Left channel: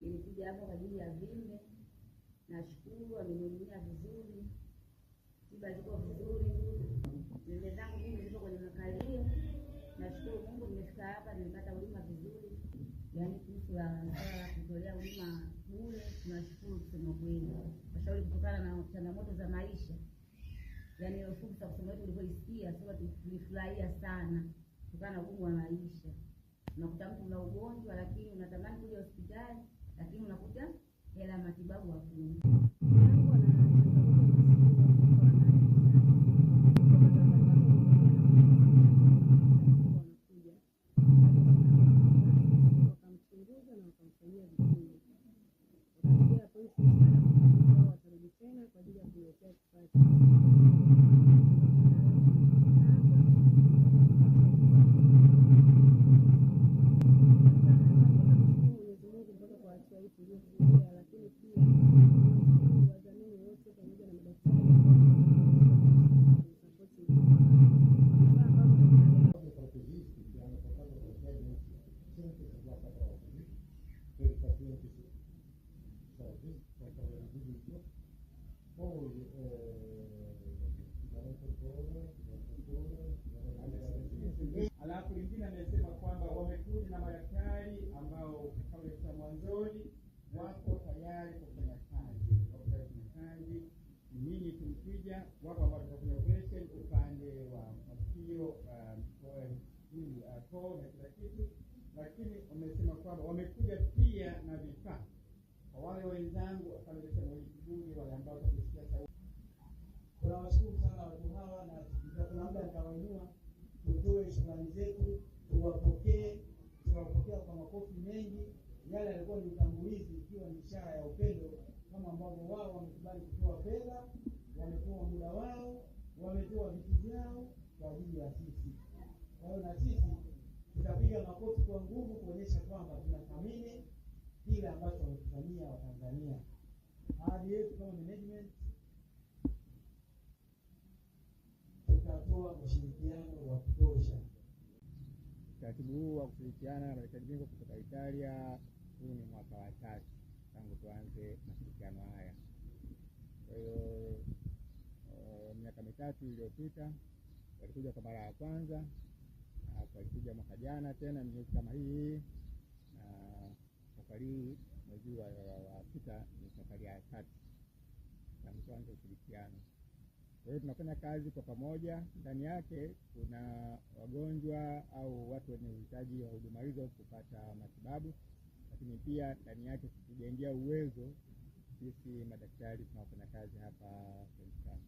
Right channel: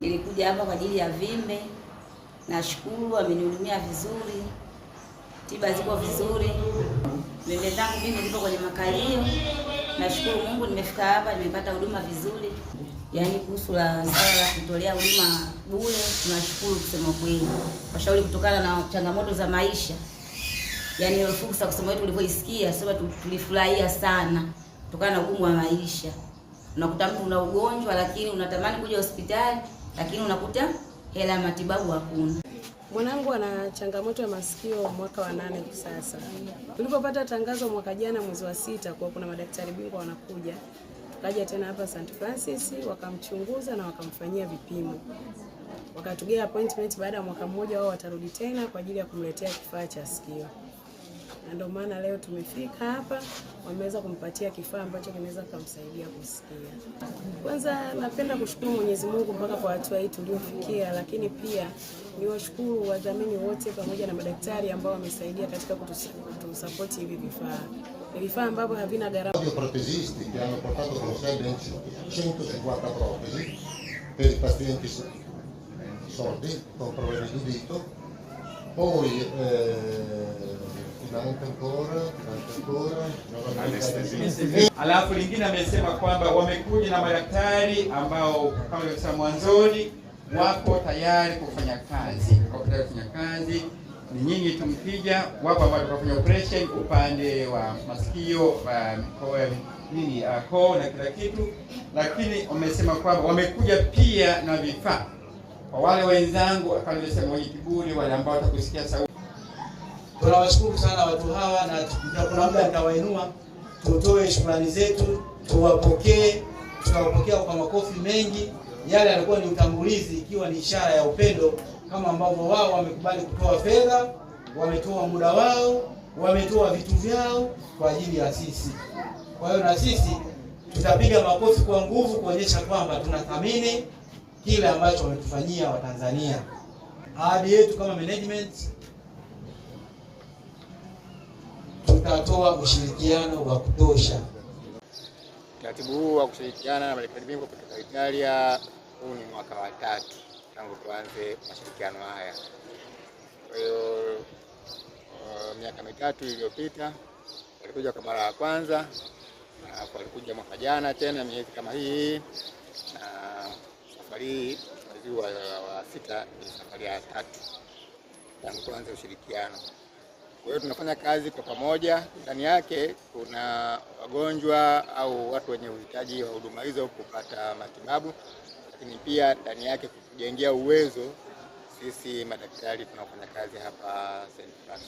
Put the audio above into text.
Nilikuja hapa kwa ajili ya vimbe. Nashukuru amenihudumia vizuri. Tiba ziko vizuri. Vimbe zangu mimi zipo kwenye makalio. Nashukuru Mungu nimefika hapa nimepata huduma vizuri. Yaani kuhusu la kutolea huduma bure tunashukuru kusema kweli. Washauri kutokana na changamoto za maisha. Yaani ile fursa kusema wetu ulivyoisikia sema tulifurahia sana kutokana na ugumu wa maisha. Unakuta mtu una ugonjwa lakini unatamani kuja hospitali lakini unakuta hela ya matibabu hakuna. Mwanangu ana changamoto ya masikio mwaka wa 8 hivi sasa. Tulipopata tangazo mwaka jana mwezi wa 6 kwa kuna madaktari bingwa wanakuja. Tukaja tena hapa St. Francis wakamchunguza na wakamfanyia vipimo. Wakatugea appointment baada ya mwaka mmoja wao watarudi tena kwa ajili ya kumletea kifaa cha sikio. Na ndio maana leo tumefika hapa wameweza kumpatia kifaa ambacho kinaweza kumsaidia kusikia. Kwanza napenda kushukuru Mwenyezi Mungu mpaka kwa hatua hii tuliofikia, lakini pia niwashukuru wadhamini wote pamoja na madaktari ambao wamesaidia katika kutusupport hivi vifaa. Ni vifaa ambavyo havina gharama. Protesisti che hanno portato con sé ben 150 protesi per i pazienti sordi con problemi di udito. Poi Alafu lingine amesema kwamba wamekuja na madaktari ambao kama nilivyosema mwanzoni wako tayari kufanya kazi. Ni nyinyi tumkija, wapo ambao tukafanya operation upande wa masikio, koo na kila kitu, lakini wamesema kwamba wamekuja pia na vifaa kwa wale wenzangu kama nilivyosema wenye kiburi, wale ambao watakusikia sauti. Tunawashukuru sana watu hawa na kuna muda nitawainua tutoe shukrani zetu, tuwapokee, tutawapokea kwa makofi mengi. Yale yalikuwa ni utangulizi ikiwa ni ishara ya upendo kama ambavyo wao wamekubali kutoa fedha, wametoa muda wao, wametoa vitu vyao kwa ajili ya sisi. Kwa hiyo na sisi tutapiga makofi kwa nguvu kuonyesha kwamba tunathamini kile ambacho wametufanyia Watanzania. Ahadi yetu kama management tutatoa ushirikiano wa kutosha. Utaratibu huu wa kushirikiana na madaktari bingwa kutoka Italia huu ni mwaka wa 3 tangu tuanze mashirikiano haya. Kwa hiyo miaka 3 iliyopita walikuja kwa mara ya kwanza, na walikuja mwaka jana tena miezi kama hii, na safari hii mwezi wa 6 ni safari ya 3 tangu tuanze ushirikiano. Kwa hiyo tunafanya kazi kwa pamoja. Ndani yake kuna wagonjwa au watu wenye uhitaji wa huduma hizo kupata matibabu, lakini pia ndani yake kujengea uwezo sisi madaktari tunaofanya kazi hapa St. Francis.